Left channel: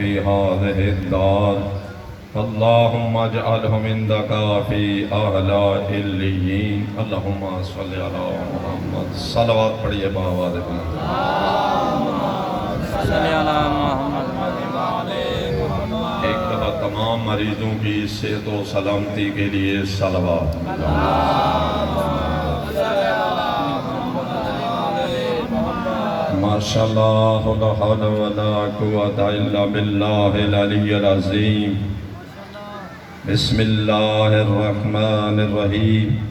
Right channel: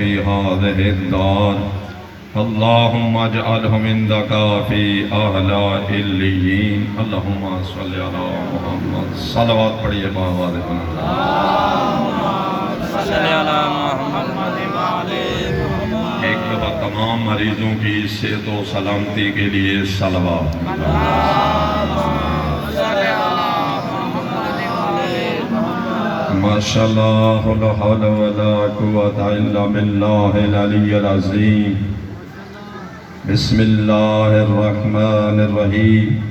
في هذه الدار اللهم اجعلهم عندك في أعلى عليين اللهم صل على محمد صلوات پڑھیے باواد ایک دفعہ تمام مریضوں کی صحت و سلامتی کے لیے صلوات ماشاءاللہ لا حول ولا قوة الا باللہ العلی العظیم بسم اللہ الرحمن الرحیم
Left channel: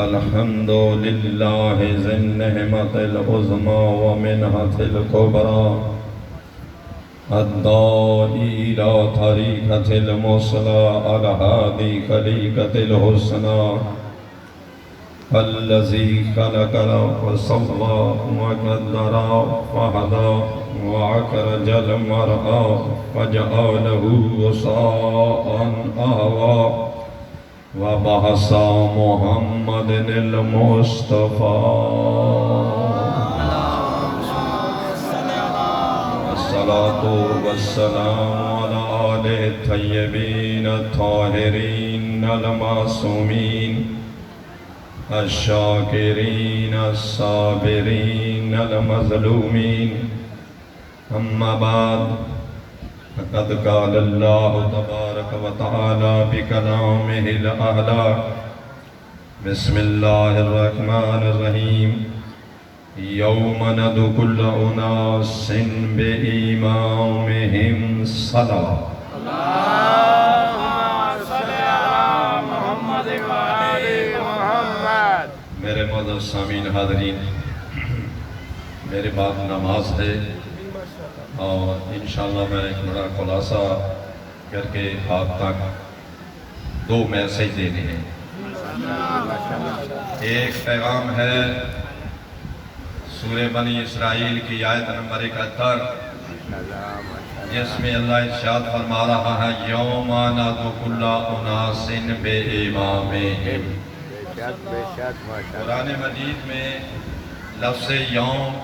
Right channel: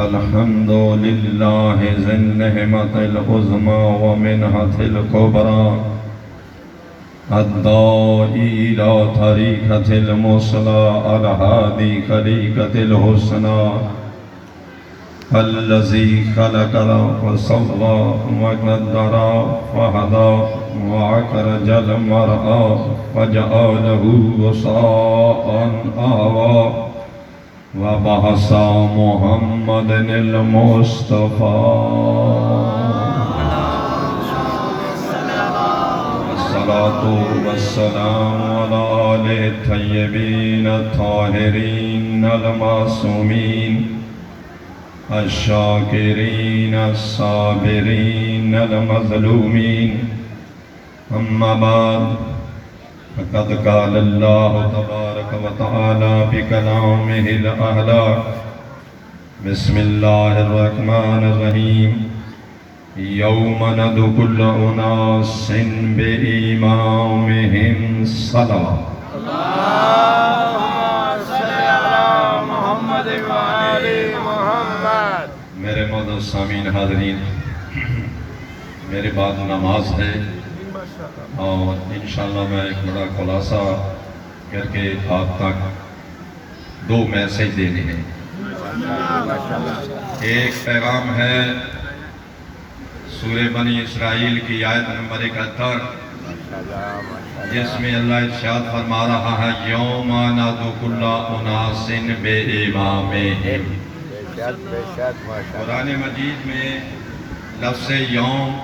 الحمد للہ ذی النعمت العظمی ومنحة الکبریٰ الداعی الی طریقۃ المثلی الہادی طریقۃ الحسنی الذی خلق فسوى وقدر فهدى وأخرج المرعى فجعله غثاء أحوى وبعث محمد المصطفى الصلاة والسلام على آله الطيبين الطاهرين المعصومين الشاکرین الصابرین المظلومین اما بعد فقد قال اللہ تبارک و تعالی بکلامہ الاعلی بسم اللہ الرحمن الرحیم یوم ندعو کل اناس بإمامہم صلوات میرے معزز سامعین حاضرین میرے بعد نماز ہے اور انشاءاللہ میں ایک بڑا خلاصہ کر کے آپ تک دو میسیج دینے ہیں ایک پیغام ہے سورہ بنی اسرائیل کی آیت نمبر 71 جس میں اللہ ارشاد فرما رہا ہے یوم ندعو کل اناس بإمامہم قرآن مجید میں لفظ یوم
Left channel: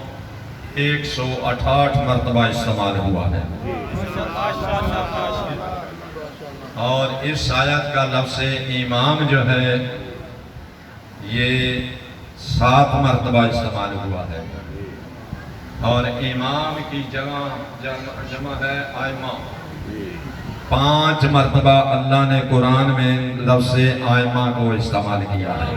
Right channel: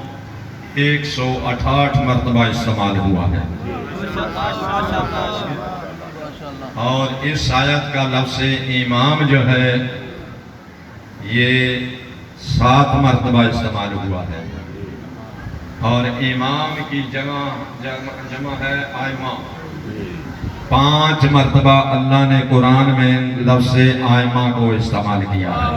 168 مرتبہ استعمال ہوا ہے اور اس آیت کا لفظ امام جو ہے یہ 7 مرتبہ استعمال ہوا ہے اور امام کی جمع ہے آئمہ 5 مرتبہ اللہ نے قرآن میں لفظ آئمہ کو استعمال کیا ہے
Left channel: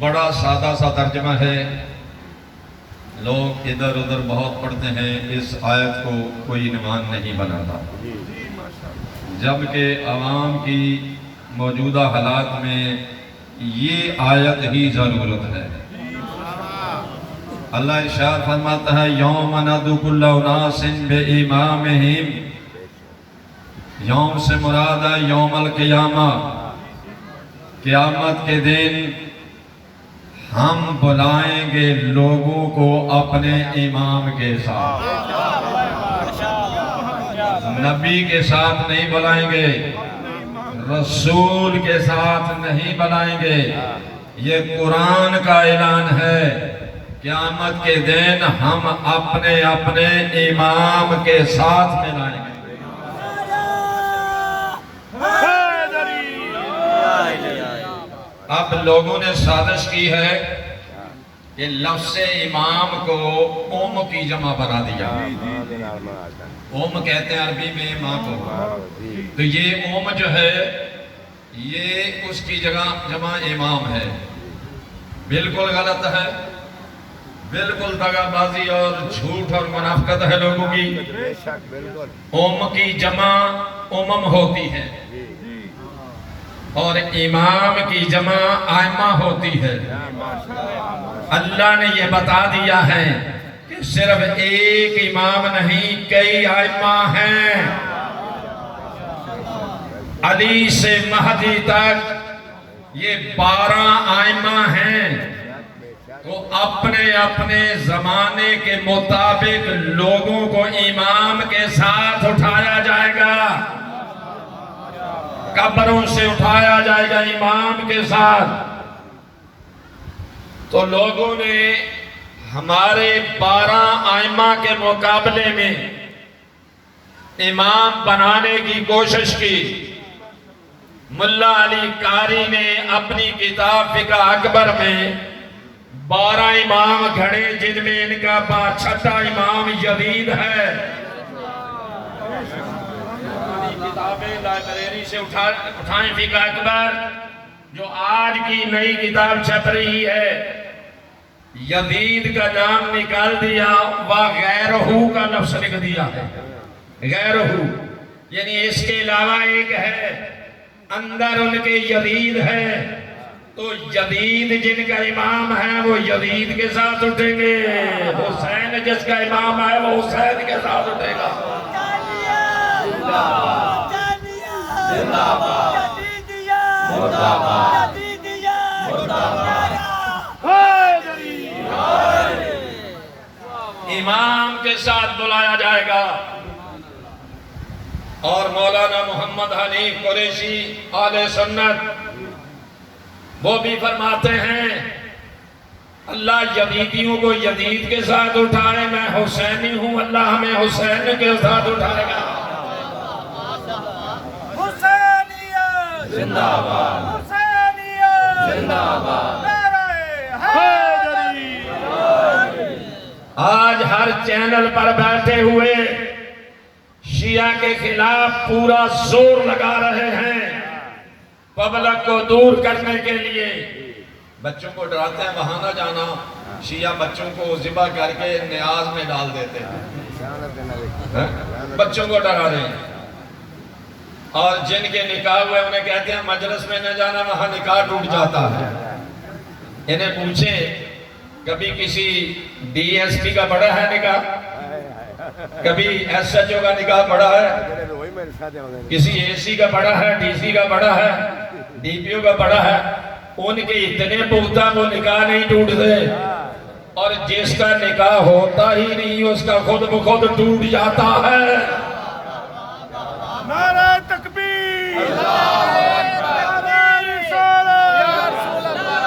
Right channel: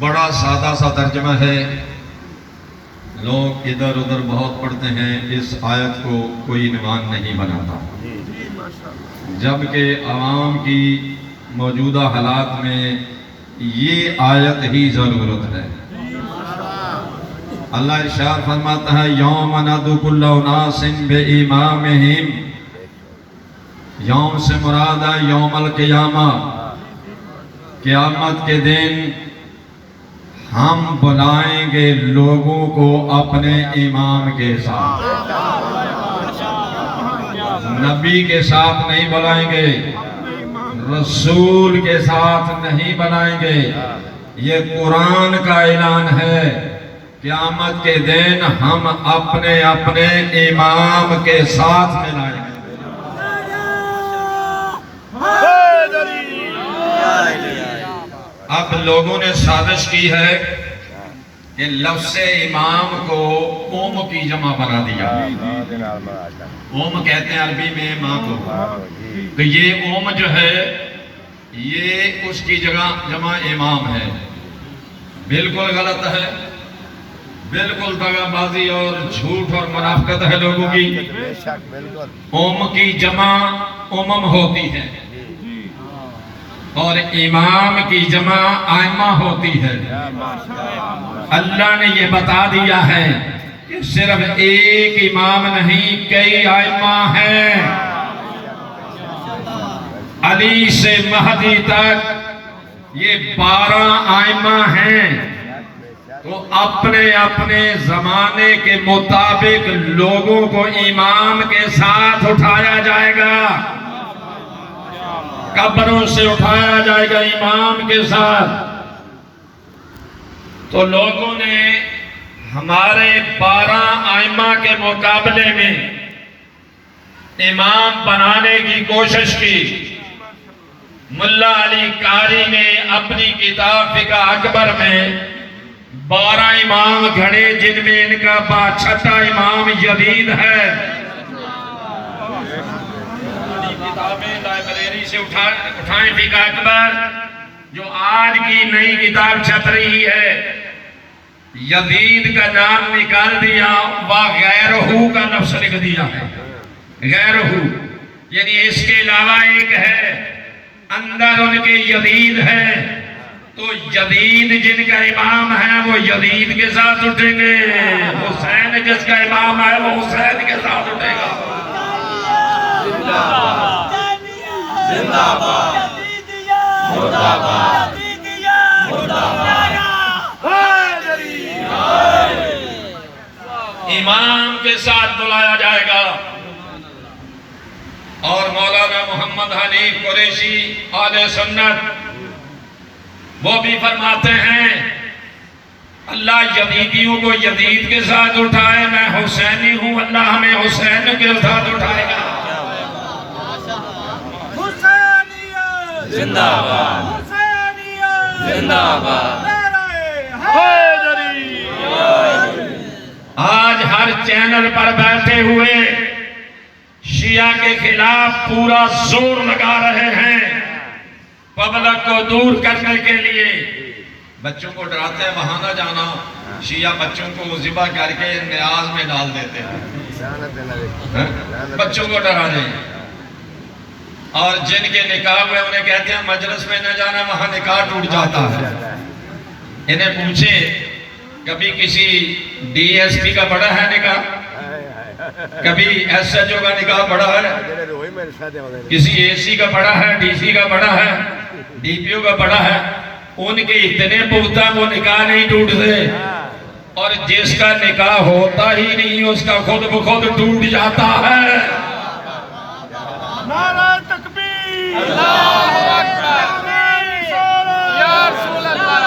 بڑا سادہ سا ترجمہ ہے لوگ ادھر ادھر بہت پڑھتے ہیں اس آیت کو کوئی عنوان نہیں بناتا جبکہ عوام کی موجودہ حالات میں یہ آیت ہی ضرورت ہے اللہ ارشاد فرماتا ہے یوم ندعو کل اناس بإمامہم یوم سے مراد ہے یوم القیامہ قیامت کے دن ہم بلائیں گے لوگوں کو اپنے امام کے ساتھ نبی کے ساتھ نہیں بلائیں گے رسول کے ساتھ نہیں بلائیں گے یہ قرآن کا اعلان ہے قیامت کے دن ہم اپنے اپنے امام کے ساتھ ملائیں گے اب لوگوں نے سازش کی ہے کہ لفظ امام کو قوم کی جمع بنا دیا قوم کہتے ہیں عربی میں ماں کو تو یہ قوم جو ہے یہ اس کی جگہ جمع امام ہے بالکل غلط ہے بالکل دغا بازی اور جھوٹ اور منافقت ہے لوگوں کی قوم کی جمع امم ہوتی ہے اور امام کی جمع آئمہ ہوتی ہے اللہ نے یہ بتا دیا ہے کہ صرف ایک امام نہیں کئی آئمہ ہیں علی سے مہدی تک یہ 12 آئمہ ہیں تو اپنے اپنے زمانے کے مطابق لوگوں کو امام کے ساتھ اٹھایا جائے گا قبروں سے اٹھایا جائے گا امام کے ساتھ تو لوگوں نے ہمارے 12 ائمہ کے مقابلے میں امام بنانے کی کوشش کی۔ ملا علی قاری نے اپنی کتاب فقہ اکبر میں 12 امام گھڑے، جن میں ان کا 6واں امام یزید ہے۔ کتابیں لائبریری سے اٹھائیں فقہ اکبر، جو آج کی نئی کتاب چھپ رہی ہے، یزید کا نام نکال دیا، وغیرہ کا لفظ لکھ دیا ہے، غیرہ، یعنی اس کے علاوہ ایک ہے، اندر ان کے یزید ہے۔ تو یزید جن کا امام ہے وہ یزید کے ساتھ اٹھیں گے، حسین جس کا امام ہے وہ حسین کے ساتھ اٹھے گا۔ زندہ باد، مردہ باد، مردہ باد۔ امام کے ساتھ بلایا جائے گا۔ اور مولانا محمد حنیف قریشی اہل سنت وہ بھی فرماتے ہیں اللہ یزیدیوں کو یزید کے ساتھ اٹھائے، میں حسینی ہوں، اللہ ہمیں حسین کے ساتھ اٹھائے گا۔ حسینیت زندہ باد، حسینیت زندہ باد۔ آج ہر چینل پر بیٹھے ہوئے شیعہ کے خلاف پورا زور لگا رہے ہیں پبلک کو دور کرنے کے لیے۔ بچوں کو ڈراتے ہیں وہاں نہ جانا، شیعہ بچوں کو ذبح کر کے نیاز میں ڈال دیتے ہیں، بچوں کو ڈرا دیں۔ اور جن کے نکاح ہوئے انہیں کہتے ہیں مجلس میں نہ جانا، وہاں نکاح ٹوٹ جاتا ہے۔ انہیں پوچھیں کبھی کسی ڈی ایس پی کا پڑھا ہے نکاح؟ کبھی ایس ایچ او کا نکاح پڑھا ہے؟ کسی اے سی کا پڑھا ہے، ڈی سی کا پڑھا ہے، ڈی پی او کا پڑھا ہے؟ ان کے اتنے پختہ وہ نکاح نہیں ٹوٹتے، اور جس کا نکاح ہوتا ہی نہیں اس کا خود بخود ٹوٹ جاتا ہے۔ نعرہ تکبیر، اللہ اکبر، یا رسول اللہ،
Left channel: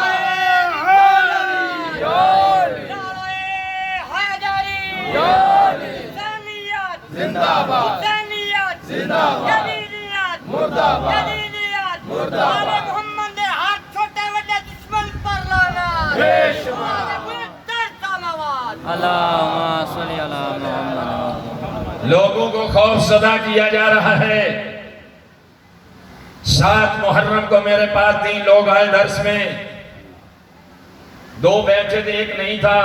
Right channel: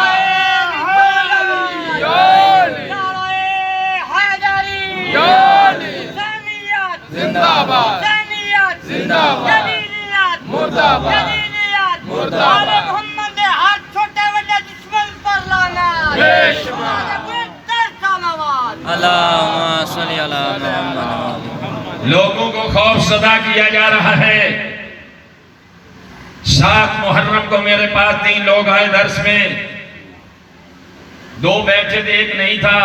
زندہ باد، زندہ باد، مردہ باد، مردہ باد۔ محمد نے ہاتھ چھوٹے بڑے دشمن پر لانا، اللہم صلی علی محمد۔ لوگوں کو خوف زدہ کیا جا رہا ہے۔ 7 محرم کو میرے پاس 3 لوگ آئے درس میں، 2 بیٹھے تھے، ایک نہیں تھا۔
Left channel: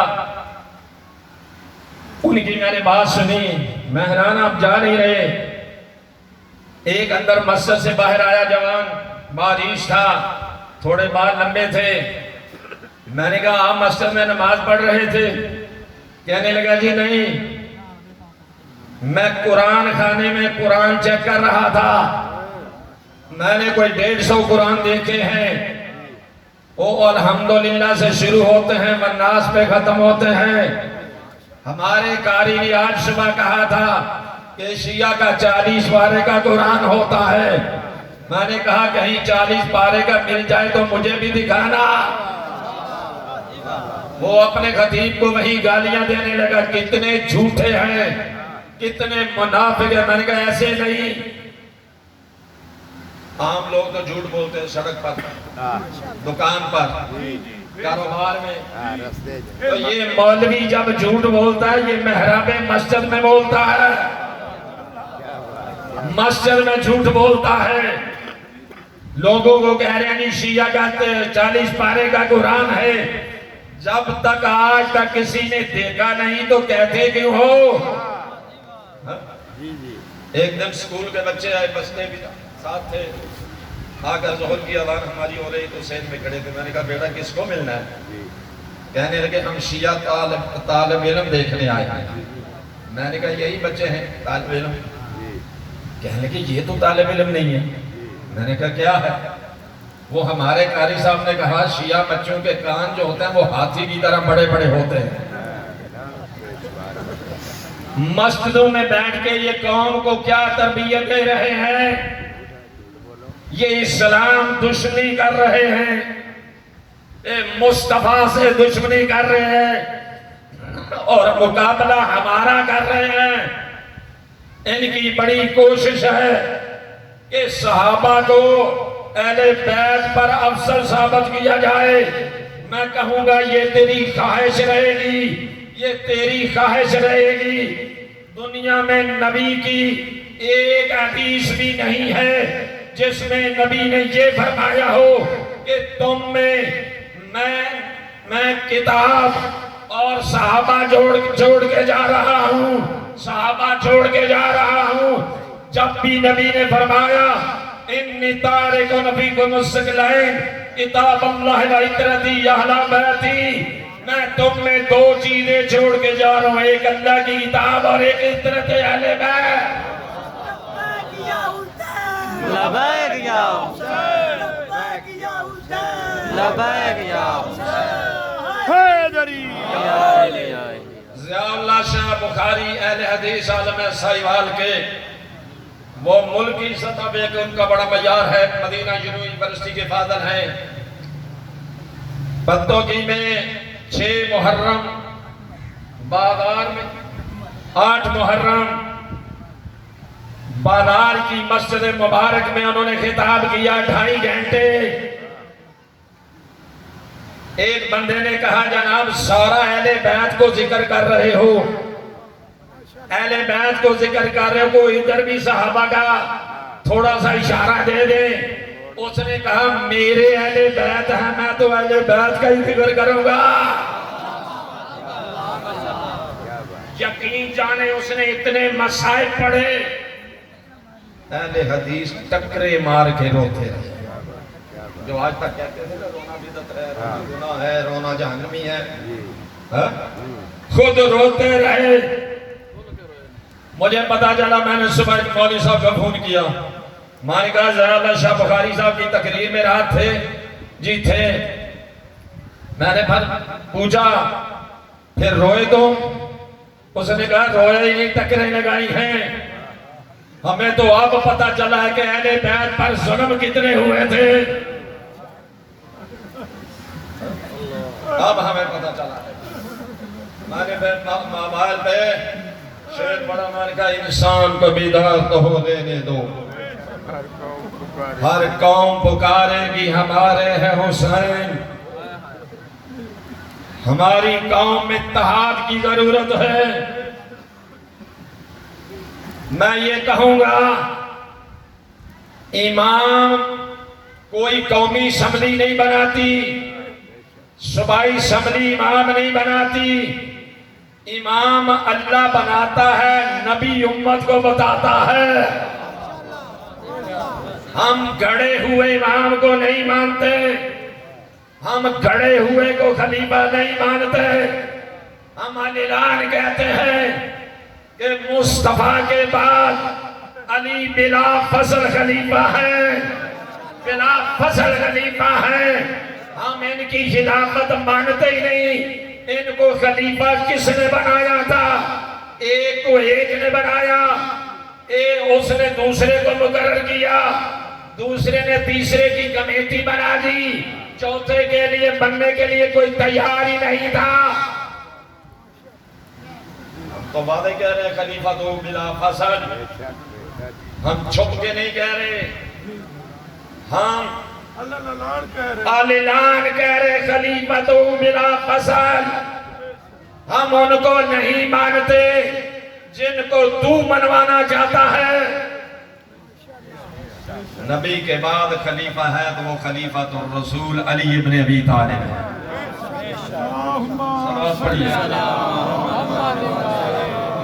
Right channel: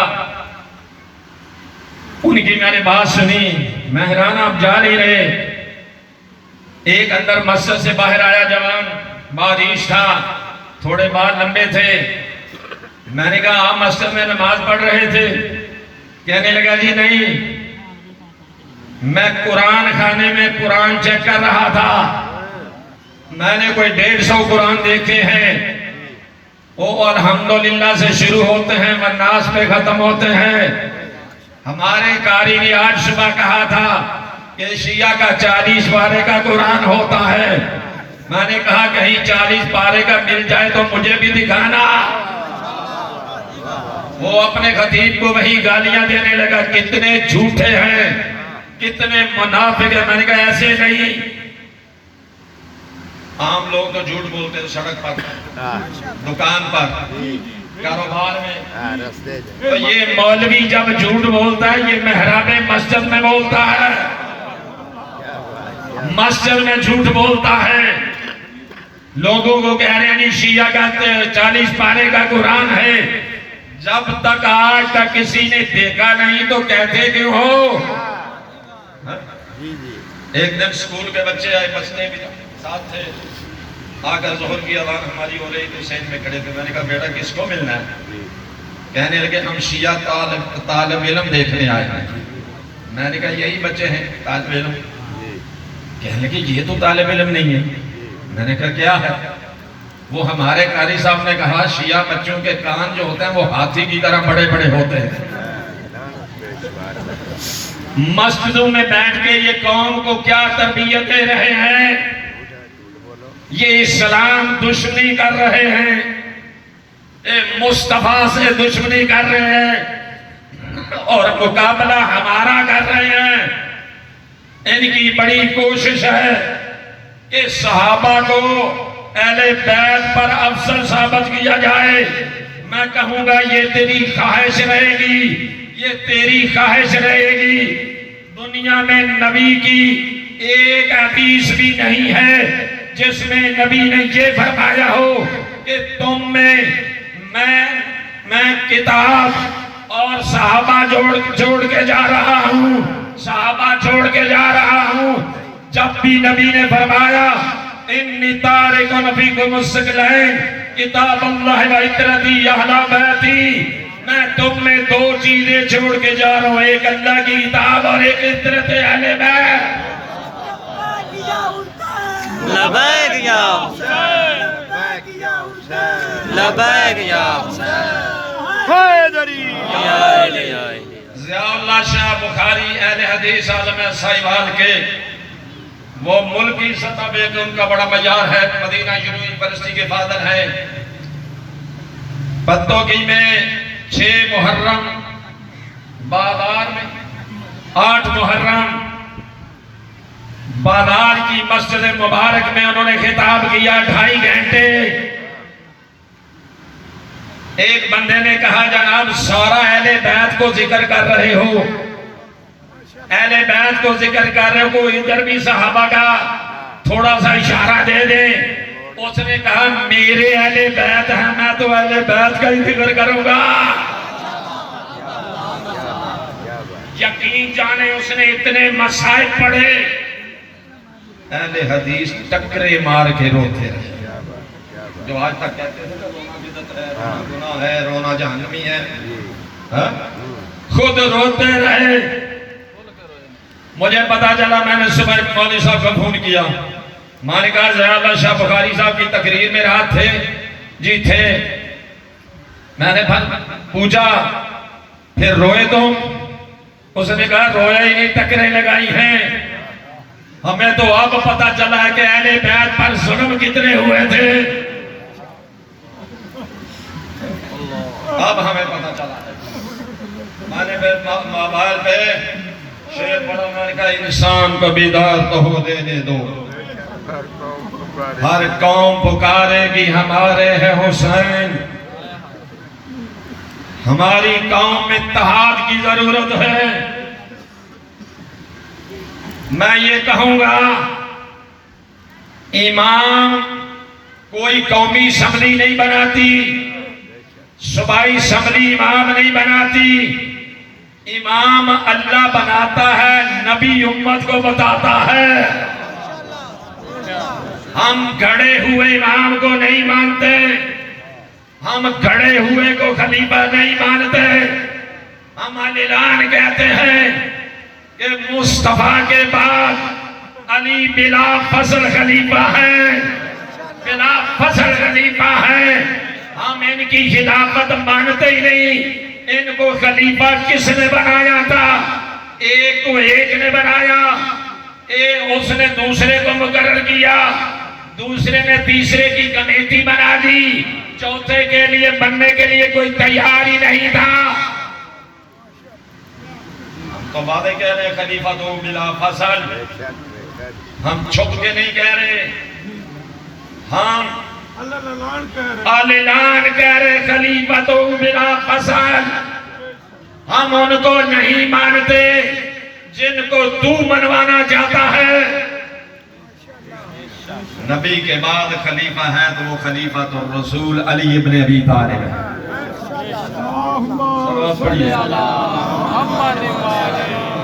ان کی میں نے بات سنی، میں حیران، آپ جا نہیں رہے۔ ایک اندر مسجد سے باہر آیا جوان، بارش تھا، تھوڑے بال لمبے تھے۔ میں نے کہا آپ مسجد میں نماز پڑھ رہے تھے؟ کہنے لگا جی نہیں، میں قرآن خانے میں قرآن چیک کر رہا تھا، میں نے کوئی 150 قرآن دیکھے ہیں، وہ الحمدللہ سے شروع ہوتے ہیں والناس پہ ختم ہوتے ہیں۔ ہمارے قاری نے آج صبح کہا تھا کہ شیعہ کا 40 پارے کا قرآن ہوتا ہے۔ میں نے کہا کہیں 40 پارے کا مل جائے تو مجھے بھی دکھانا۔ وہ اپنے خطیب کو وہی گالیاں دینے لگا، کتنے جھوٹے ہیں، کتنے منافق ہیں۔ میں نے کہا ایسے نہیں، عام لوگ تو جھوٹ بولتے ہیں، سڑک پر، دکان پر، کاروبار میں۔ تو یہ مولوی جب جھوٹ بولتا ہے یہ محراب مسجد میں بولتا ہے، مسجد میں جھوٹ بولتا ہے۔ لوگوں کو کہہ رہے ہیں شیعہ کا 40 پارے کا قرآن ہے، جب تک آج تک کسی نے دیکھا نہیں تو کہتے کیوں ہو؟ ایک دن سکول کے بچے آئے، بچنے بھی ساتھ تھے، آ کر ظہر کی اذان ہماری ہو رہی تو سین میں کھڑے تھے۔ میں نے کہا بیٹا کس کو ملنا ہے؟ کہنے لگے ہم شیعہ طالب علم دیکھنے آئے ہیں۔ میں نے کہا یہی بچے ہیں طالب علم؟ کہنے لگے یہ تو طالب علم نہیں ہے۔ میں نے کہا کیا ہے؟ وہ ہمارے قاری صاحب نے کہا شیعہ بچوں کے کان جو ہوتے ہیں وہ ہاتھی کی طرح بڑے بڑے ہوتے ہیں۔ مسجدوں میں بیٹھ کے یہ قوم کو کیا تربیت دے رہے ہیں؟ یہ اسلام دشمنی کر رہے ہیں۔ مصطفیٰ سے دشمنی کر رہے ہیں اور مقابلہ ہمارا کر رہے ہیں. ان کی بڑی کوشش ہے کہ صحابہ کو اہل بیت پر افضل ثابت کیا جائے. میں کہوں گا یہ تیری خواہش رہے گی، یہ تیری خواہش رہے گی. دنیا میں نبی کی ایک حدیث بھی نہیں ہے جس میں نبی نے یہ فرمایا ہو کہ تم میں میں کتاب اور صحابہ جوڑ کے جا رہا ہوں، صحابہ چھوڑ کے جا رہا ہوں. جب بھی نبی نے فرمایا انی تارکن فیکم الثقلین کتاب اللہ و عترتی اہل بیتی، میں تم میں دو چیزیں چھوڑ کے جا رہا ہوں، ایک اللہ کی کتاب اور ایک عترت اہل بیت. لبیک یا حسین، لبیک یا حیدری. ضیاء اللہ شاہ بخاری اہل حدیث عالم سائیوال کے وہ ملکی سطح پہ کہ ان کا بڑا معیار ہے. مدینہ یونیورسٹی کے فادر ہیں. بندوقی میں 6 محرم، بادار میں 8 محرم بادار کی مسجد مبارک میں انہوں نے خطاب کیا 2.5 گھنٹے. ایک بندے نے کہا جناب سارا اہل بیت کو ذکر کر رہے ہو، اہل بیت کو ذکر کر رہے ہو، کوئی ادھر بھی صحابہ کا تھوڑا سا اشارہ دے دیں. اس نے کہا میرے اہل بیت ہیں، میں تو اہل بیت کا ہی ذکر کروں گا. یقین جانے اس نے اتنے مسائل پڑھے. اہل حدیث ٹکرے مار کے روتے رہے. جو آج تک کہتے ہیں رونا بدعت ہے، رونا گناہ ہے، رونا جہنمی ہے، خود روتے رہے. مجھے پتا چلا، میں نے صبح مولوی صاحب کا فون کیا، میں نے کہا ضیاء اللہ شاہ بخاری صاحب کی تقریر میں رات تھے؟ جی تھے. میں نے پوچھا پھر روئے تم؟ اس نے کہا رویا ہی نہیں، ٹکریں لگائی ہیں. ہمیں تو اب پتا چلا ہے کہ اہل بیت پر ظلم کتنے ہوئے تھے، اب ہمیں پتا چلا ہے. میں نے پھر موبائل پہ شعر پڑھا، میں نے کہا انسان کو بیدار تو ہو دینے دو، ہر قوم پکارے گی ہمارے ہے حسین. ہماری قوم میں اتحاد کی ضرورت ہے. میں یہ کہوں گا امام کوئی قومی اسمبلی نہیں بناتی، صوبائی اسمبلی امام نہیں بناتی. امام اللہ بناتا ہے، نبی امت کو بتاتا ہے. ہم گھڑے ہوئے امام کو نہیں مانتے، ہم گھڑے ہوئے کو خلیفہ نہیں مانتے. ہم اعلان کہتے ہیں کہ مصطفیٰ کے بعد علی بلا فصل خلیفہ ہیں، بلا فصل خلیفہ ہیں. ہم ان کی خلافت مانتے ہی نہیں. ان کو خلیفہ کس نے بنایا تھا؟ ایک کو ایک نے بنایا، اس نے دوسرے کو مقرر کیا، دوسرے نے تیسرے کی کمیٹی بنا دی، چوتھے کے لیے بننے کے لیے کوئی تیار ہی نہیں تھا. ہم تو وعدے کہہ رہے خلیفہ تو بلا فصل، ہم چھپ کے نہیں کہہ رہے، ہم اعلان کہہ رہے خلیفہ تو بلا فصل. ہم ان کو نہیں مانتے جن کو تو منوانا چاہتا ہے. نبی کے بعد خلیفہ ہے تو وہ خلیفہ تو رسول علی ابن ابی طالب ہے.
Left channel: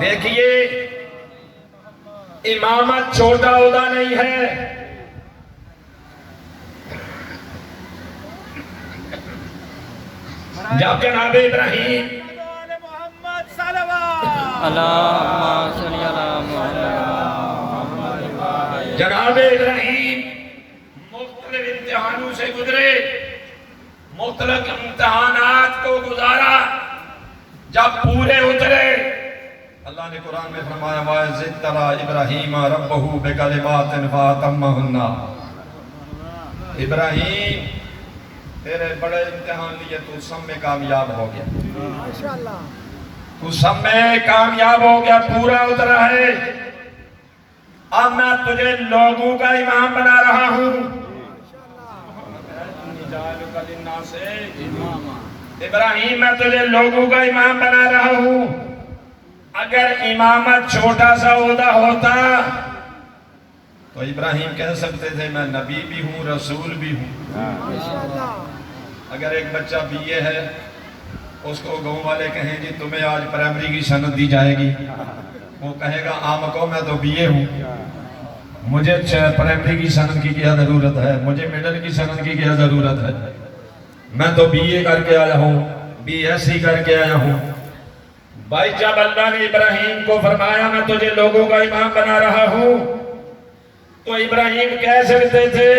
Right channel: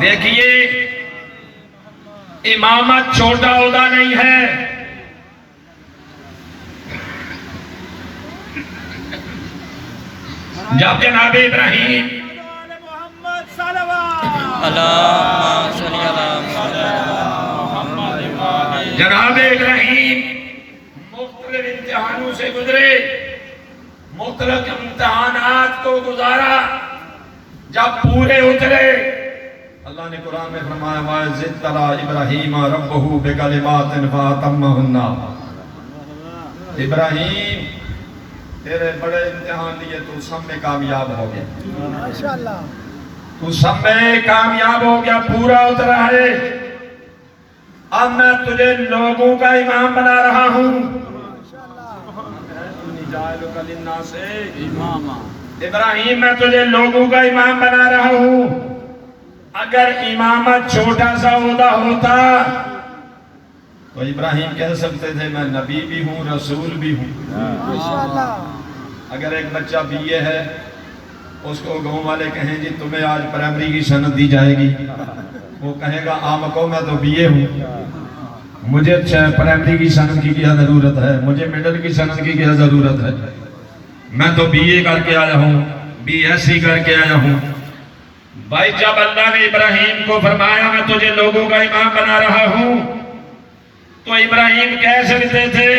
دیکھیے امامت چھوٹا عہدہ نہیں ہے. جب جناب ابراہیم جناب ابراہیم مختلف امتحانوں سے گزرے، مختلف امتحانات کو گزارا، جب پورے اترے اللہ نے قرآن میں فرمایا وَإِذِ ابْتَلَىٰ إِبْرَاهِيمَ رَبُّهُ بِكَلِمَاتٍ فَأَتَمَّهُنَّ. ابراہیم تیرے بڑے امتحان لیے تو سب میں کامیاب ہو گیا، ماشاءاللہ تو سب میں کامیاب ہو گیا، پورا اترا ہے۔ اب میں تجھے لوگوں کا امام بنا رہا ہوں۔ ابراہیم میں تجھے لوگوں کا امام بنا رہا ہوں۔ اگر امامت چھوٹا سا عہدہ ہوتا تو ابراہیم کہہ سکتے تھے میں نبی بھی ہوں، رسول بھی ہوں۔ ماشاءاللہ اگر ایک بچہ بی اے ہے، اس کو گاؤں والے کہیں جی تمہیں آج پرائمری کی سند دی جائے گی، وہ کہے گا آم کو میں تو بی اے ہوں، مجھے پرائمری کی سند کی کیا ضرورت ہے، مجھے میڈل کی سند کی کیا ضرورت ہے، میں تو بی اے کر کے آیا ہوں، بی ایس سی کر کے آیا ہوں۔ بھائی جب اللہ نے ابراہیم کو فرمایا میں تجھے لوگوں کا امام بنا رہا ہوں، تو ابراہیم کہہ سکتے تھے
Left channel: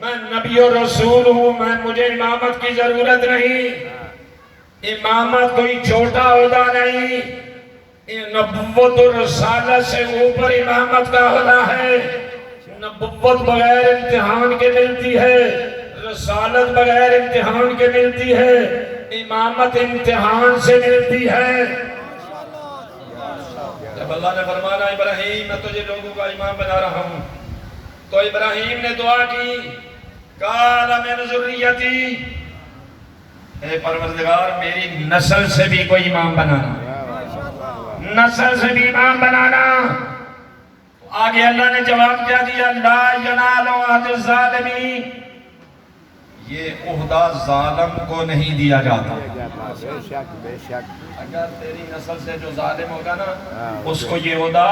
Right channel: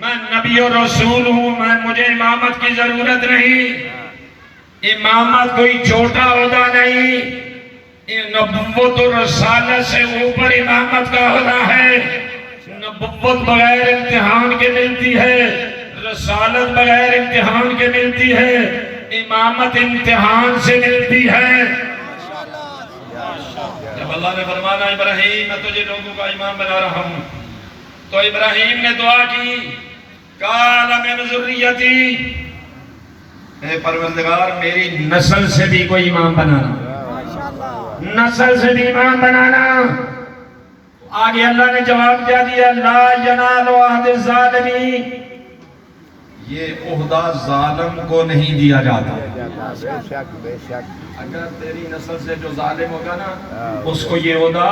میں نبی و رسول ہوں، مجھے امامت کی ضرورت نہیں۔ امامت کوئی چھوٹا عہدہ نہیں، نبوت و رسالت سے اوپر امامت کا عہدہ ہے۔ نبوت بغیر امتحان کے ملتی ہے، رسالت بغیر امتحان کے ملتی ہے، امامت امتحان سے ملتی ہے۔ جب اللہ نے فرمایا ابراہیم میں تجھے لوگوں کا امام بنا رہا ہوں، تو ابراہیم نے دعا کی قال من ذریتی، اے پروردگار میری نسل سے بھی کوئی امام بنانا، نسل سے بھی امام بنانا۔ آگے اللہ نے جواب کیا دیا لا ینال عہد الظالمین، یہ عہدہ ظالم کو نہیں دیا جاتا۔ بے شک اگر تیری نسل سے جو ظالم ہوگا نا اس کو یہ عہدہ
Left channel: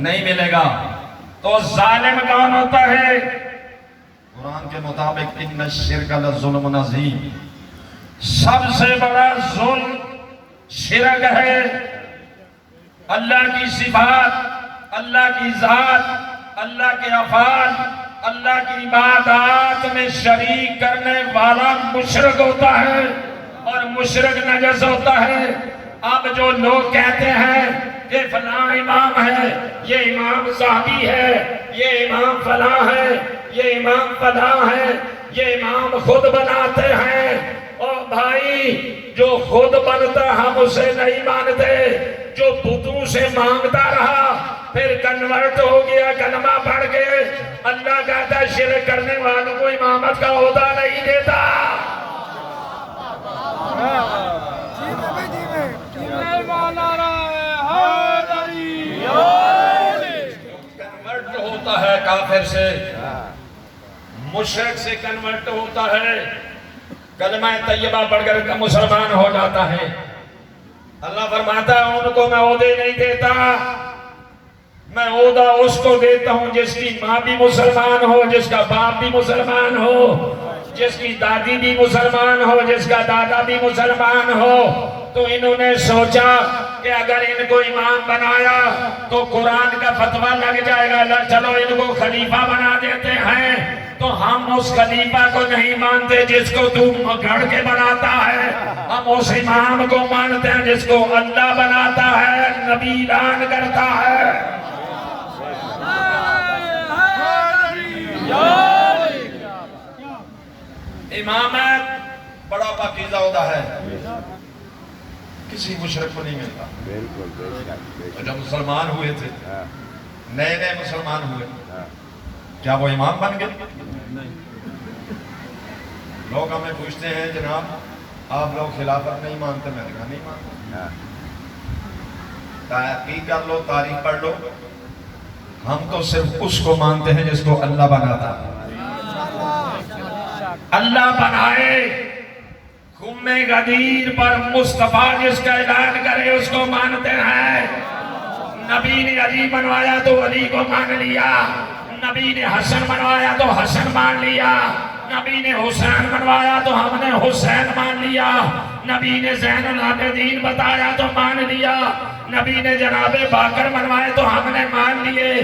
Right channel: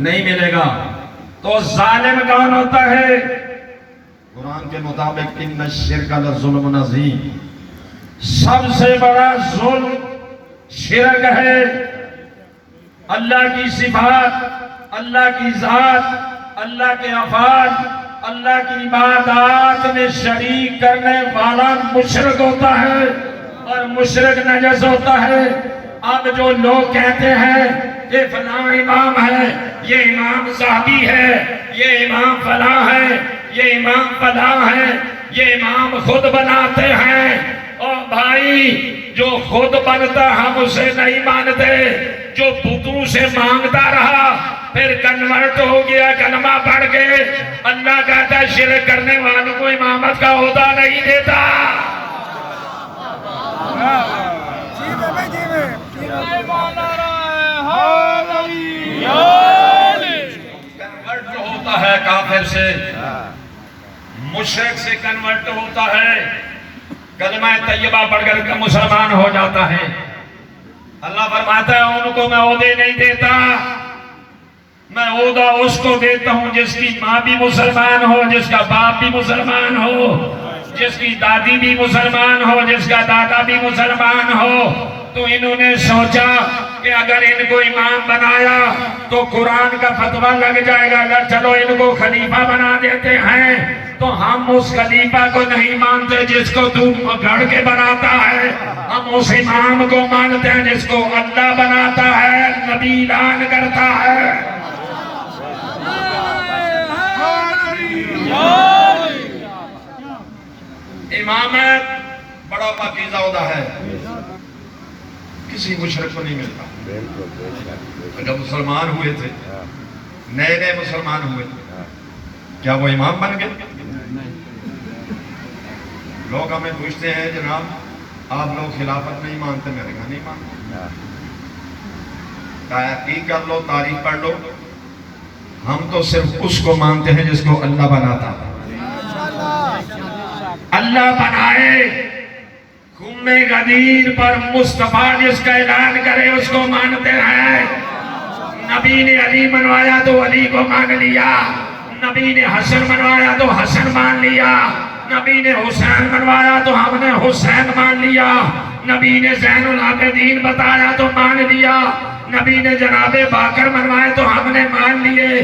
نہیں ملے گا۔ تو ظالم کون ہوتا ہے؟ قرآن کے مطابق ان الشرک لظلم عظیم، سب سے بڑا ظلم شرک ہے۔ اللہ کی صفات، اللہ کی ذات، اللہ کے افعال، اللہ کی عبادات میں شریک کرنے والا مشرک ہوتا ہے، اور مشرک نجس ہوتا ہے۔ اب جو لوگ کہتے ہیں یہ فلاں امام ہے، یہ امام صحابی ہے، یہ امام فلاں ہے، یہ امام فلاں ہے، یہ امام خود بناتے ہیں، اور بھائی جو خود بنتا ہم اسے نہیں مانتے، جو بتوں سے مانگتا رہا پھر کنورٹ ہو گیا، کلمہ پڑھ کے، اللہ کہتا ہے شرک کرنے والوں کو امامت کا عہدہ نہیں دیتا۔ کنورٹ ہوتا ہے کافر سے، مشرک سے کنورٹ ہوتا ہے، کلمہ طیبہ پڑھ کر مسلمان ہو جاتا ہے۔ اللہ فرماتا ہے ان کو میں عہدے نہیں دیتا، میں عہدہ اس کو دیتا ہوں جس کی ماں بھی مسلمان ہو، جس کا باپ بھی مسلمان ہو، جس کی دادی بھی مسلمان ہو، جس کا دادا بھی مسلمان ہو۔ تو انہوں نے سوچا کہ اگر ان کو امام بنایا تو قرآن کا فتویٰ لگ جائے گا، چلو ان کو خلیفہ بنا دیتے ہیں۔ تو ہم اس خلیفہ کو نہیں مانتے جس کو تو گھڑ کے بناتا ہے، ہم اس امام کو مانتے ہیں جس کو اللہ بناتا ہے، نبی اعلان کرتا ہے۔ امامت بڑا پاکیزہ عہدہ ہے، کسی مشرک کو نہیں ملتا۔ جب مسلمان ہوئے تھے، نئے نئے مسلمان ہوئے، کیا وہ امام بن گئے؟ لوگ ہمیں پوچھتے ہیں جناب آپ لوگ خلافت نہیں مانتے، میں نے کہا نہیں مانتے۔ تحقیق کر لو، تاریخ پڑھ لو، ہم تو صرف اس کو مانتے ہیں جس کو اللہ بناتا ہے۔ اللہ بنائے، خم غدیر پر مصطفیٰ جس کا اعلان کرے اس کو مانتے ہیں۔ نبی نے علی منوایا تو علی کو مان لیا، نبی نے حسن منوایا تو حسن مان لیا، نبی نے حسین منوایا تو ہم نے حسین مان لیا، نبی نے زین العابدین بتایا تو مان لیا، نبی نے جناب باقر منوائے تو ہم نے مان لیے،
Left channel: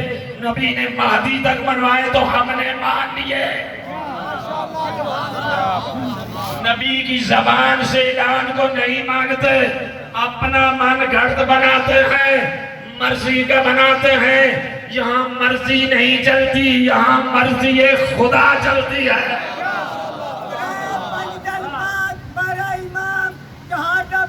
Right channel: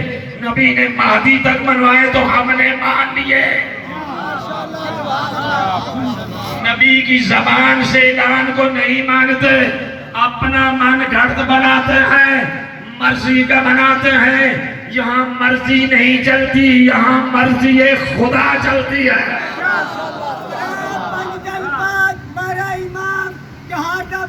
نبی نے مہدی تک منوائے تو ہم نے مان لیے۔ نبی کی زبان سے اعلان کو نہیں مانتے، اپنا من گھڑت بناتے ہیں، مرضی کا بناتے ہیں۔ یہاں مرضی نہیں چلتی، یہاں مرضی خدا چلتی ہے۔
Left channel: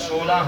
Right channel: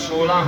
16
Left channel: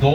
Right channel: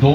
2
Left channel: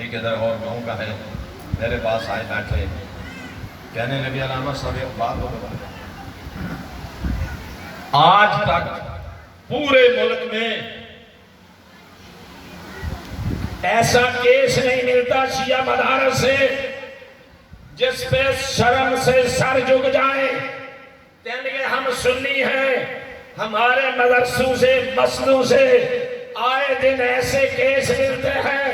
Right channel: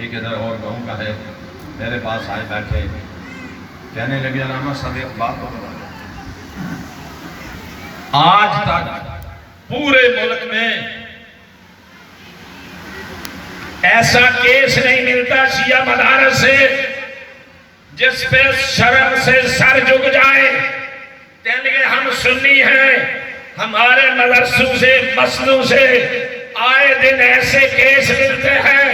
ایک ادھر اور گاؤں کا ہے، میرے پاس آئے بیٹھے، کہنے لگے علامہ صاحب ایک بات ہو بتا، آج تک پورے ملک میں ایسا کیس نہیں ملتا شیعہ مدارس سے جس پہ شرم سے سر جھک جائے، کہنے لگے ہم سنی ہیں، ہمارے مدرسوں سے مسجدوں سے آئے دن ایسے کیس ملتے ہیں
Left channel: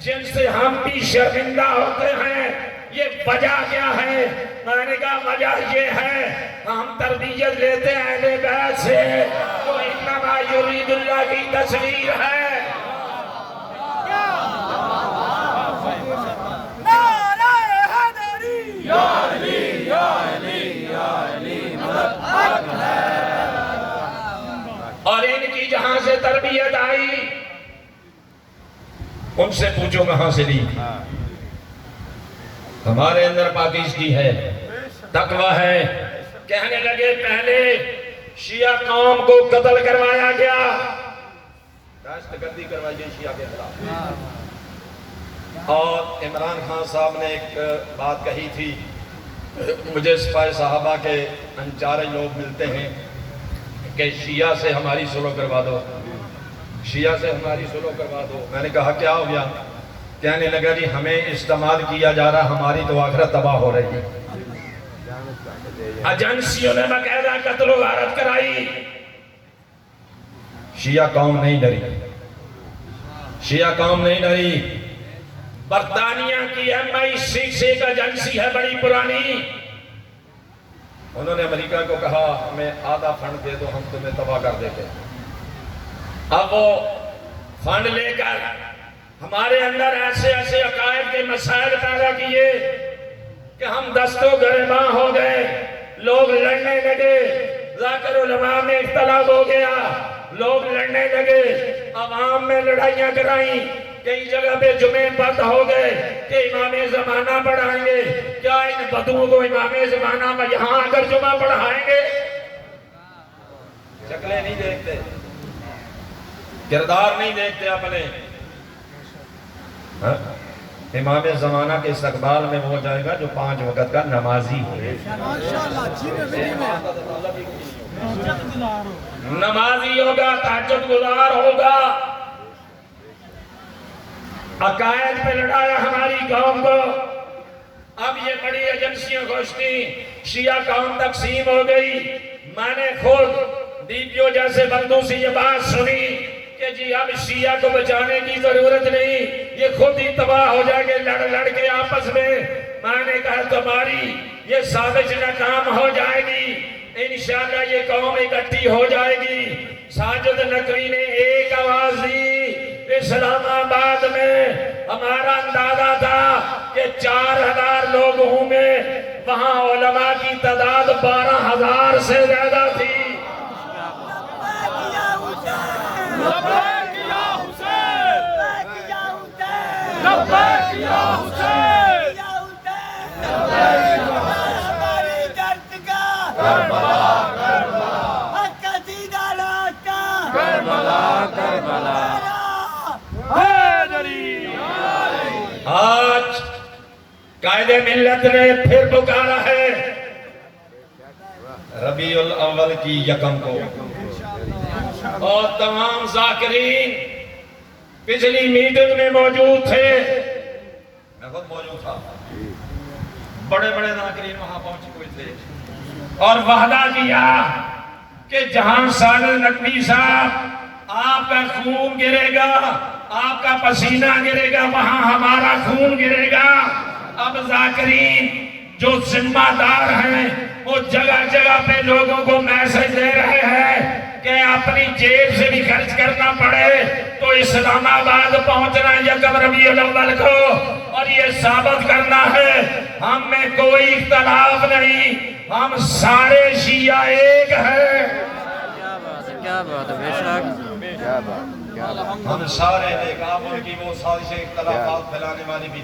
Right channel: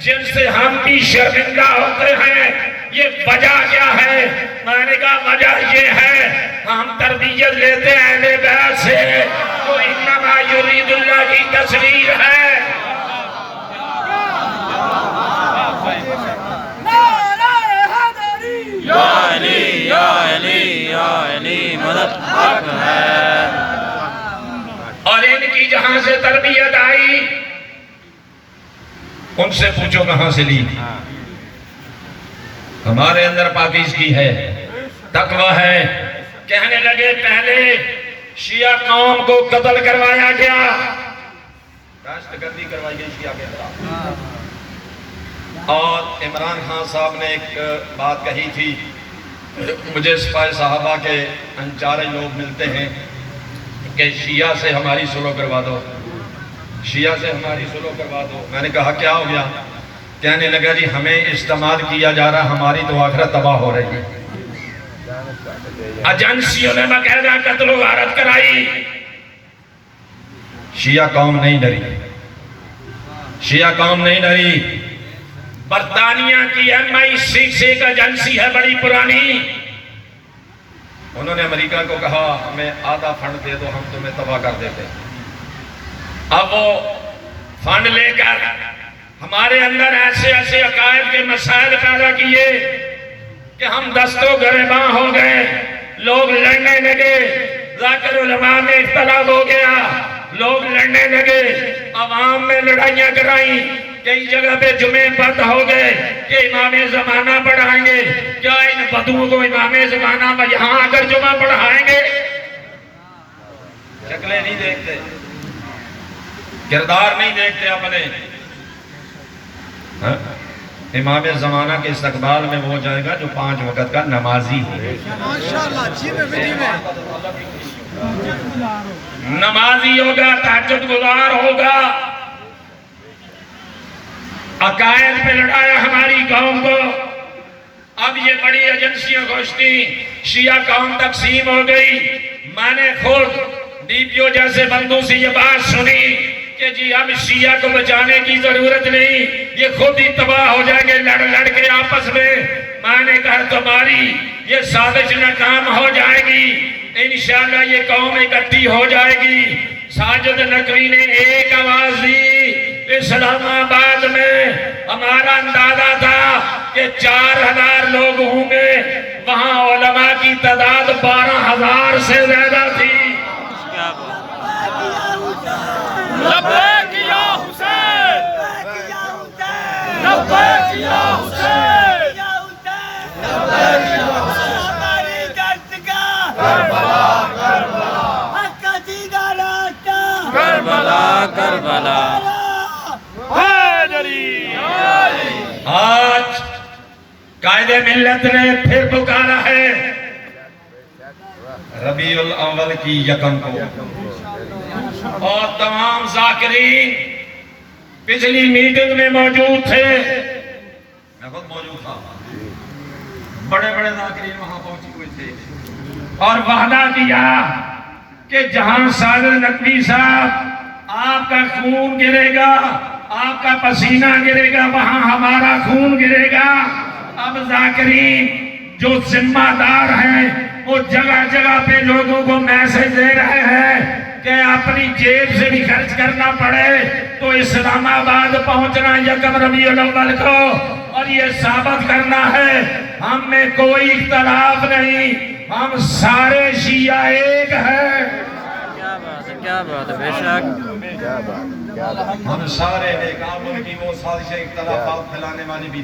جن سے ہم بھی شرمندہ ہوتے ہیں، یہ وجہ کیا ہے؟ میں نے کہا وجہ یہ ہے ہم تربیت لیتے ہیں اہل بیت سے، تو انما یرید اللہ کی تصویر ہے۔ یا علی یا علی یا علی مدد حق ہے۔ اور ان کی جہاں سے تربیت آئی ان سے پوچھو کہاں سے لی؟ ہمارے اندر پاکیزگی ہے، تقوی ہے۔ کہنے لگے پہلے شیعہ قوم کو قتل کروایا گیا، دہشت گردی کروائی گئی شیعہ کے خلاف، اور عمران خان صاحب نے ایک بات کہی تھی، مجھے سپاہ صحابہ کے انچارج لوگ ملتے ہیں کہ شیعہ سے ہماری صلح کروا دو، شیعہ سے ہماری صلح کروا دو۔ میں نے کہا کیا ہو گیا؟ کہنے لگا جی ہمیں استعمال کیا جا رہا، ہماری تو آخرت تباہ ہو رہی ہے۔ ایجنسیوں نے باقاعدہ قتل و غارت کرائی، شیعہ قوم نہیں ڈری، شیعہ قوم نہیں ڈری۔ برطانیہ کی MI6 ایک ایجنسی ہے بڑی پرانی، انہوں نے امریکہ کو کہا ہمیں آدھا فنڈ دے دو، ہم تمہیں تباہ کر دیتے۔ اب وہ فنڈ لے کر ہمارے اندر ایسے ایسے عقائد کے مسائل پیدا کیے کہ ہم دست و گریباں ہو گئے، لوگ لڑنے لگے، ذاکر علماء میں اختلاف ہو گیا، لوگ لڑنے لگے، عوام میں لڑائیاں کرائیں، کئی جگہ پہ جمعے بند ہو گئے کہ امام زمانہ پڑھائیں گے، کیا ان بدوؤں کو امام زمانہ میں یہاں آ کر جمعہ پڑھائیں گے؟ شکلیں نہیں دیکھتے، کردار نہیں دیکھتے اپنے۔ امام زمانہ کے استقبال میں وہ جائے گا جو 5 وقت کا نمازی ہو، نمازی ہوگا، تہجد گزار ہوگا۔ عقائد پہ لڑایا ہماری قوم کو، اب یہ بڑی ایجنسیاں گھوشتی، شیعہ قوم تقسیم ہو گئی۔ میں نے خود DPO جیسے بندوں سے یہ بات سنی کہ جی اب شیعہ کو بچانے کی ضرورت نہیں، یہ خود ہی تباہ ہو جائیں گے لڑ لڑ کے آپس میں۔ میں نے کہا تمہاری یہ سازش ناکام ہو جائے گی، انشاءاللہ یہ قوم اکٹھی ہو جائے گی۔ ساجد نقوی نے ایک آواز دی، اسلام آباد میں ہمارا اندازہ تھا کہ 4000 لوگ ہوں گے، وہاں علماء کی تعداد 12000 سے زیادہ تھی۔ لبیک یا حسین، لبیک یا حسین، ہماری دستگاہ کربلا، کربلا، حق کا سیدھا راستہ کربلا، کربلا، حیدری۔ آج قائد ملت نے پھر پکارا ہے ربیع الاول کی 1 کو، اور تمام ذاکرین پچھلی میٹنگ میں موجود تھے، میں خود موجود تھا، بڑے بڑے ذاکرین وہاں پہنچے ہوئے تھے، اور وعدہ کیا کہ جہاں ساجد نقوی صاحب آپ کا خون گرے گا، آپ کا پسینہ گرے گا، وہاں ہمارا خون گرے گا۔ اب ذاکرین جو ذمہ دار ہیں وہ جگہ جگہ پہ لوگوں کو میسج دے رہے ہیں کہ اپنی جیب سے بھی خرچ کرنا پڑے تو اسلام آباد پہنچنا 1 ربیع الاول کو، اور یہ ثابت کرنا ہے ہم میں کوئی اختلاف نہیں، ہم سارے شیعہ ایک ہیں۔ کیا بات ہے، بے شک ہم سارے ناکام کی وہ سازشیں اختلافات پھیلانے والی بھی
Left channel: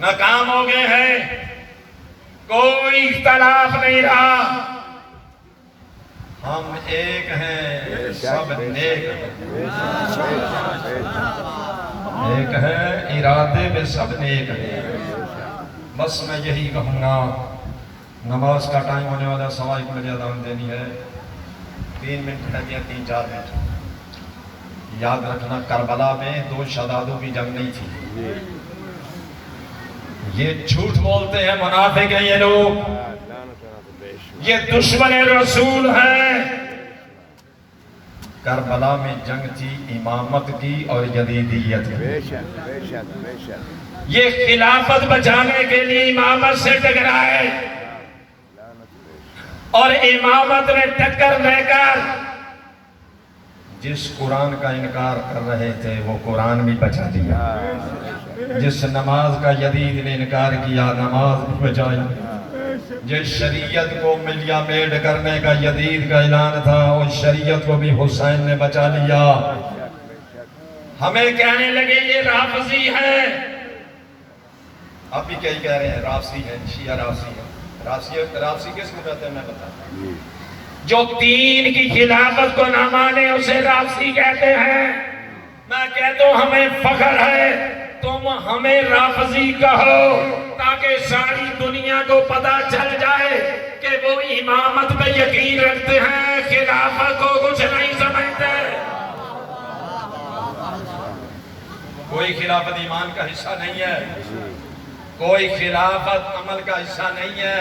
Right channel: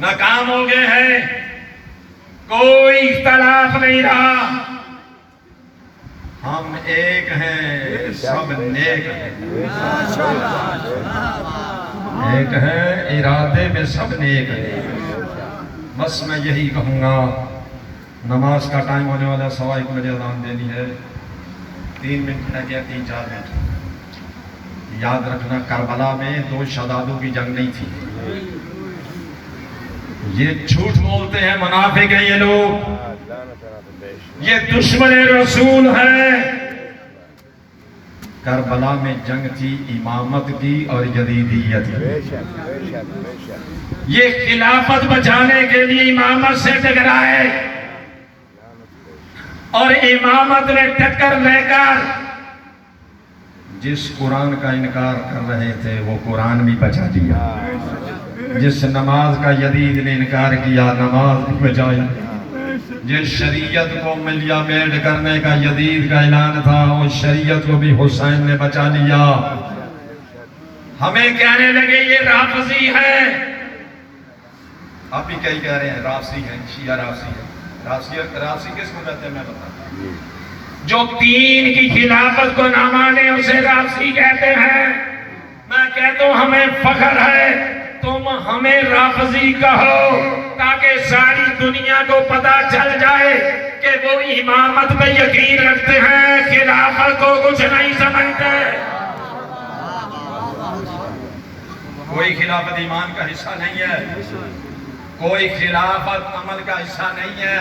ناکام ہو گئے ہیں، کوئی اختلاف نہیں رہا، ہم ایک ہیں، سب نیک ہیں۔ ایک ہے ارادے میں سب نیک ہے. بس میں یہی کہوں گا، نماز کا ٹائم ہونے والا، 1:15 بجے اذان دینی ہے. 3 منٹ رہ گیا، 3-4 منٹ. یاد رکھنا کربلا میں 2 شہدادوں کی جنگ نہیں تھی. یہ جھوٹ بولتے ہیں، منافق ہیں یہ لوگ، یہ دشمن رسول ہیں. کربلا میں جنگ تھی امامت کی اور یزیدیت کی. یہ خلافت بچانے کے لیے امامت سے ٹکرائے اور امامت میں ٹکر لے کر جس قرآن کا انکار کر رہے تھے وہ قرآن بھی بچا دیا. جس نماز کا یزید نے انکار کیا نماز بھی بچائی. جس شریعت کو ملیا میڈ کرنے کا یزید کا اعلان تھا اس شریعت کو بھی حسین نے بچا لیا. ہمیں کہنے لگے یہ رافضی ہے. آپ بھی کئی کہہ رہے ہیں رافضی ہے، شیعہ رافضی ہے. رافضی کس کو کہتے ہیں میں بتاتا ہوں. جو دین کی خلافت کو نہ مانے اسے رافضی کہتے ہیں. میں کہتا ہوں ہمیں فخر ہے، تم ہمیں رافضی کہو تاکہ ساری دنیا کو پتا چل جائے کہ وہ امامت پہ یقین رکھتے ہیں، خلافت کو کچھ نہیں سمجھتے. کوئی خلافت ایمان کا حصہ نہیں ہے، کوئی خلافت عمل کا حصہ نہیں ہے.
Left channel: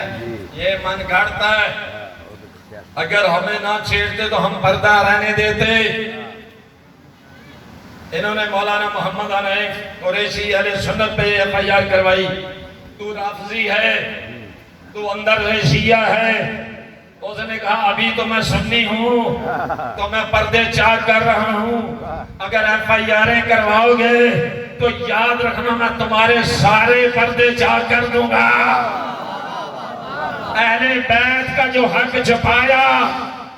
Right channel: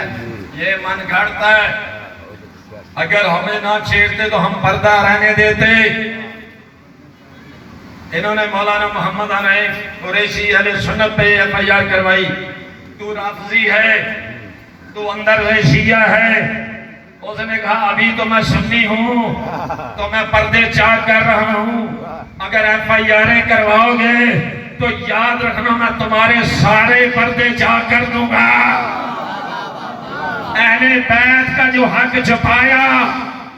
یہ من گھڑتا ہے. اگر ہمیں نہ چھیڑتے تو ہم پردہ رہنے دیتے. انہوں نے مولانا محمد حنیف قریشی اہل سنت پہ FIR کروائی، تو رافضی ہے، تو اندر سے شیعہ ہے. اس نے کہا ابھی تو میں سنی ہوں تو میں پردے چاک کر رہا ہوں، اگر FIR کرواؤ گے تو یاد رکھنا میں تمہارے سارے پردے چاک کر دوں گا. اہل بیت کا جو حق چھپایا،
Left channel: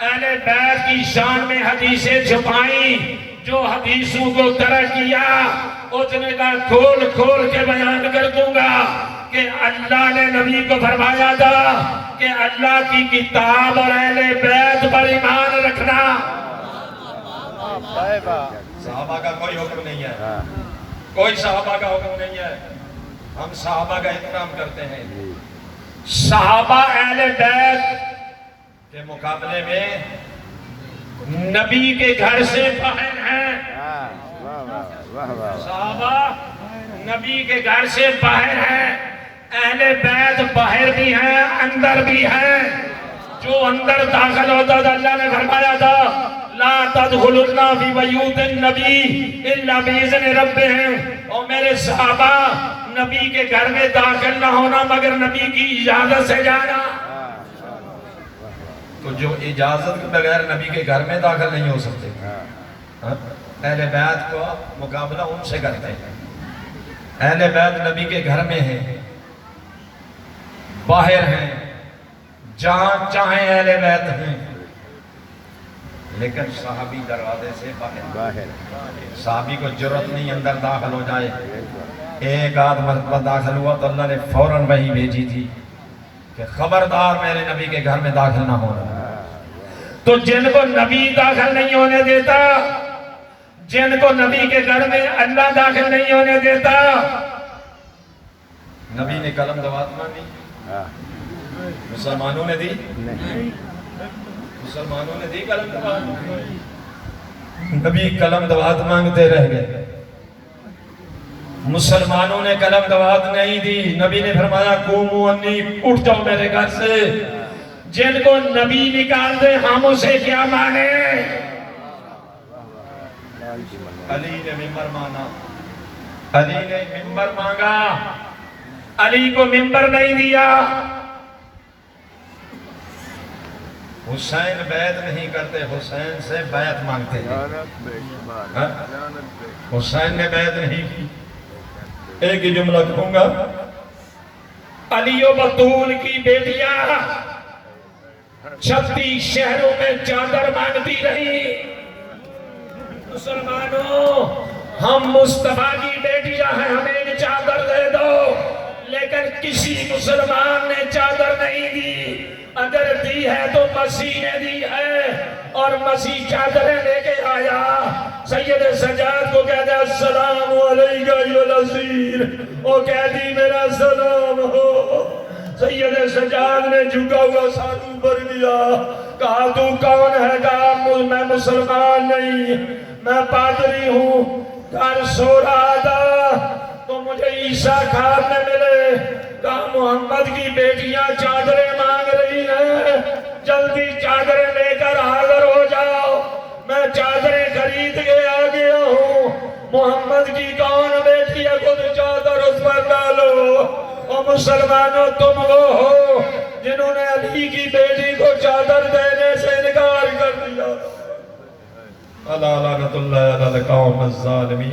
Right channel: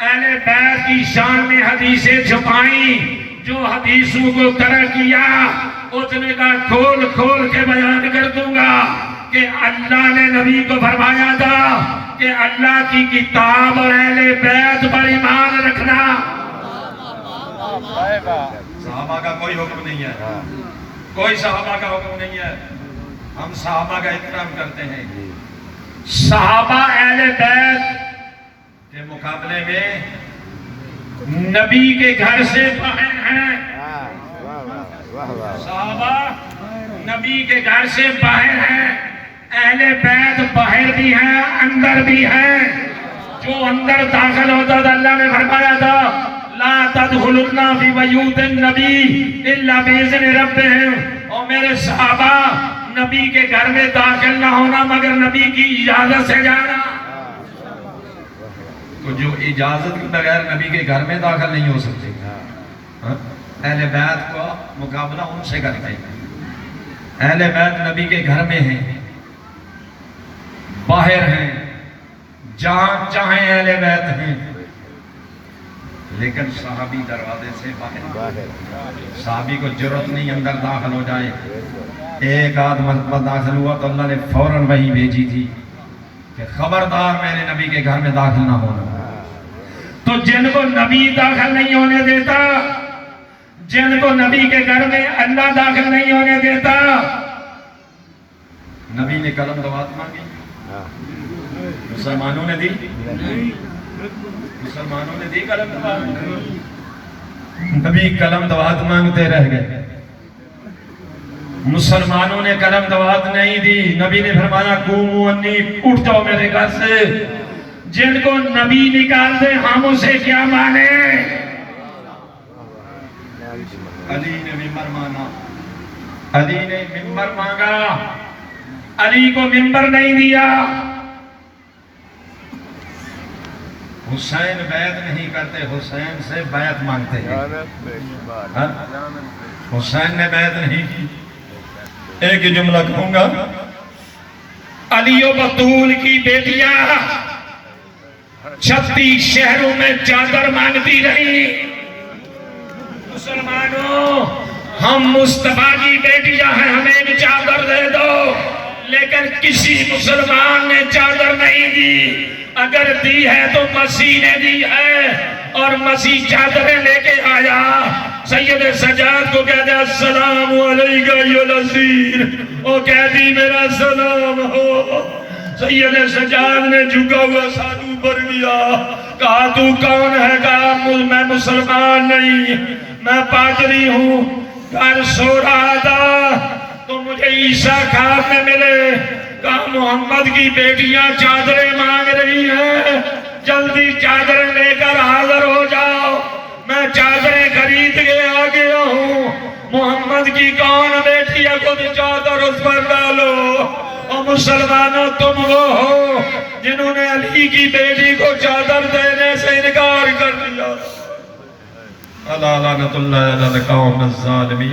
اہل بیت کی شان میں حدیثیں چھپائیں، جو حدیثوں کو کرا کیا اس نے کہا کھول کھول کے بیان کر دوں گا کہ اللہ نے نبی کو فرمایا تھا کہ اللہ کی کتاب اور اہل بیت پر ایمان رکھنا. صحابہ کا کوئی حکم نہیں ہے، کوئی صحابہ کا حکم نہیں ہے. ہم صحابہ کا احترام کرتے ہیں. صحابہ اہل بیت کے مقابلے میں نبی کے گھر سے باہر ہیں. صحابہ نبی کے گھر سے باہر ہیں، اہل بیت باہر بھی ہیں اندر بھی ہیں. جو اندر داخل ہوتا تھا اللہ نے فرمایا تھا لا تدخلوا فی بیوت النبی الا باذن ربہم. اور میرے صحابہ نبی کے گھر میں داخل نہ ہونا مگر نبی کی اجازت سے جانا. تو جو اجازت کے بغیر نبی کے گھر میں داخل نہیں ہو سکتے. اہل بیت کو مقابلہ ان سے کرتے ہیں. اہل بیت نبی کے گھر میں ہیں، باہر ہیں، جہاں چاہیں اہل بیت ہیں، لیکن صحابی دروازے سے باہر. صحابی کو جرأت نہیں اندر داخل ہو جائے. ایک آدھ مرتبہ داخل ہوا تو اللہ نے فوراً وحی بھیجی تھی کہ خبردار میرے نبی کے گھر میں داخل نہ ہونا. تو جن کو نبی داخل نہیں ہونے دیتا، جن کو نبی کے گھر میں اللہ داخل نہیں ہونے دیتا، نبی نے قلم دوات مانگی، مسلمانوں نے دی، مسلمانوں نے دی قلم دوات. نبی قلم دوات مانگتے رہ گئے. مسلمانوں نے قلم دوات نہیں دی. نبی نے فرمایا قوموا انی، اٹھ جاؤ میرے گھر سے. جن کو نبی نکال دے ہم اسے کیا مانے. علی نے ممبر مانگا، علی نے ممبر مانگا، علی کو ممبر نہیں دیا. حسین بیعت نہیں کرتے، حسین سے بیعت مانگتے ہیں. حسین نے بیعت نہیں کی. ایک ہی جملہ کہوں گا، علی و بطول کی بیٹیاں 36 شہروں میں چادر مانگتی رہی. مسلمانوں ہم مصطفیٰ کی بیٹیاں ہیں، ہمیں بھی چادر دے دو. لیکن لیکن کسی مسلمان نے چادر نہیں دی، اگر دی ہے تو مسیح نے دی ہے، اور مسیح چادریں لے کے آیا۔ سید سجاد کو کہہ دیا السلام علیکہ ایھا الاسیر، وہ کہہ دی میرا سلام ہو۔ سید سجاد نے جھکا ہوا ساتھ اوپر گیا، کہا تو کون ہے؟ کہا میں مسلمان نہیں، میں پادری ہوں، گھر سو رہا تھا تو مجھے عیسیٰ خواب میں ملے، کہا محمد کی بیٹیاں چادریں مانگ رہی ہیں، جلدی چادریں لے کر حاضر ہو جاؤ۔ میں چادریں خرید کے آ گیا ہوں، محمد کی کون بیٹی ہے؟ خود چادر اس پر ڈالو۔ اور مسلمانوں تم وہ ہو جنہوں نے علی کی بیٹی کو چادر دینے سے انکار کر دیا۔ اللہ لعنت اللہ علی القوم الظالمین۔